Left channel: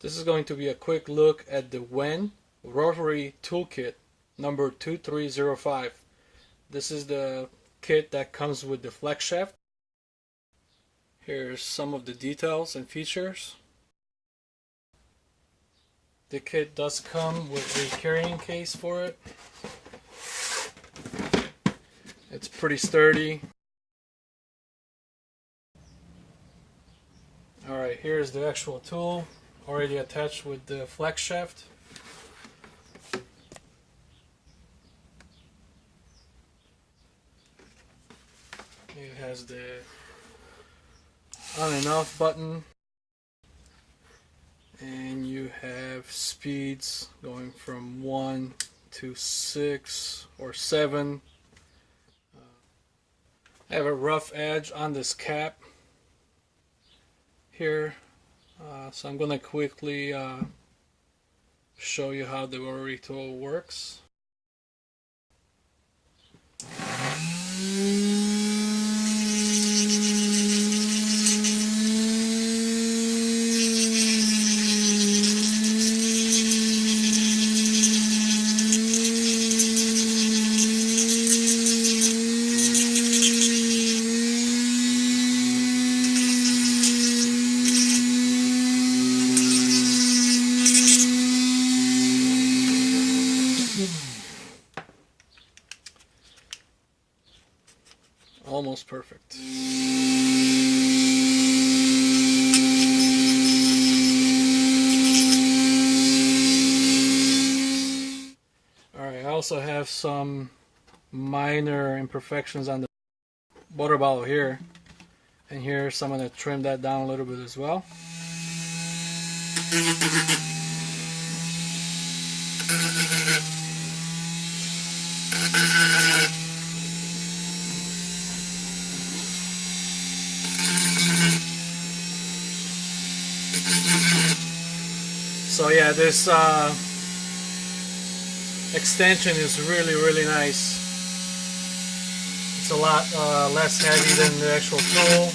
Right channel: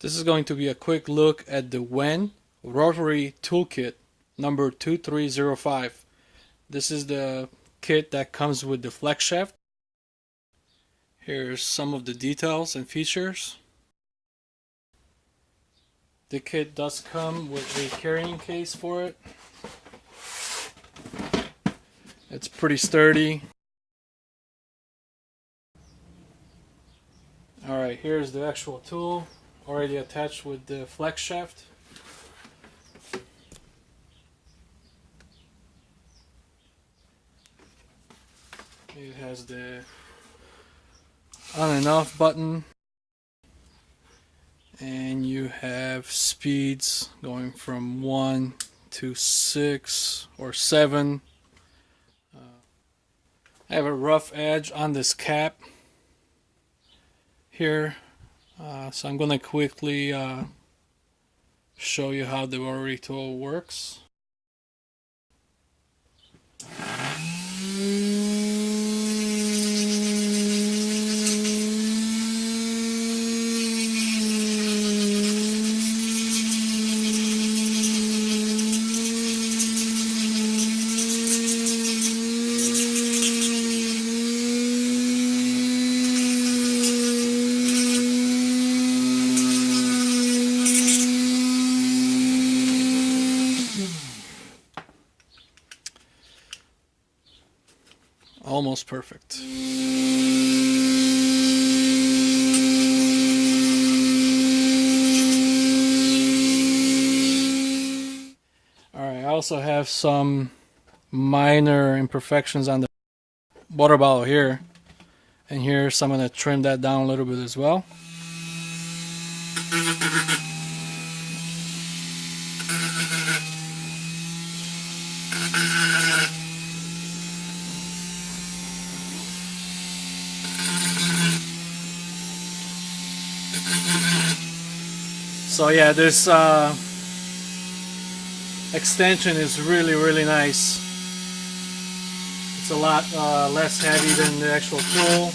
This is going to be a quick look at the WEN Rotary Toolkit number 2305. This is the kit that comes with the flex shaft. Here's some of the details and features. The kit does come with a carrying case for it. It's pretty sturdy. Alright, here's the actual tool, already attached with the flex shaft. It has the on and off button, and you have speeds going from 1 to 6 or 7. I have a rough edge on this cap here, so I'm going to quickly show you how the rotary tool works. Almost perfect. Alright, I also have some minor imperfections on the water bottle here and here, so I'm going to trim that down a little bit as well. So yeah, this extension is really nice. It's a lot less heavy than the actual tool.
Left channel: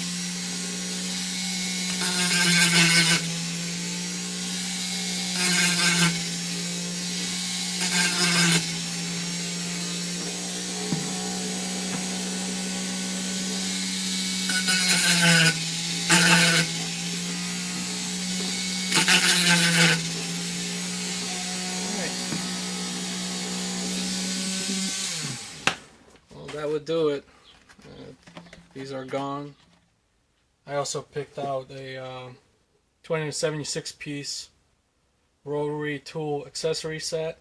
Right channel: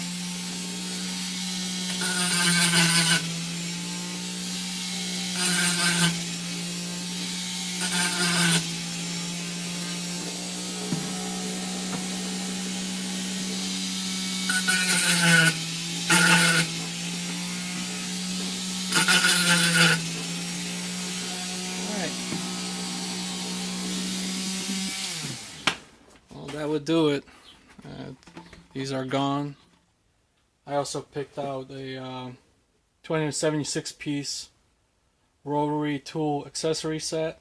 That would do it. These are gone. I also picked out a 276 piece rotary tool accessory set.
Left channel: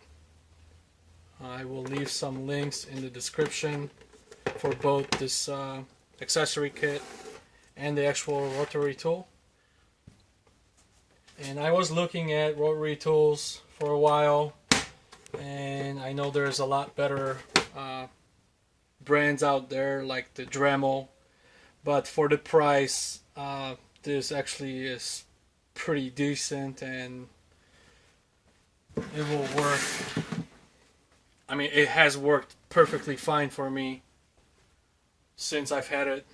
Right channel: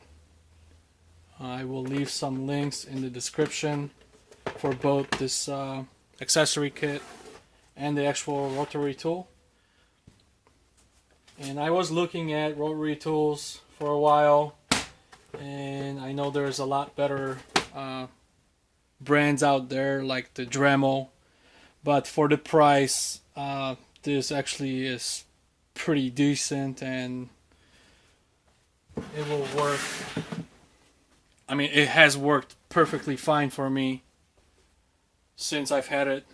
I will leave some links in the description for both this accessory kit and the actual rotary tool. And I was looking at rotary tools for a while, and I know there's a lot better brands out there like the Dremel, but for the price this actually is pretty decent, and it will work. I mean, it has worked perfectly fine for me since I've had it.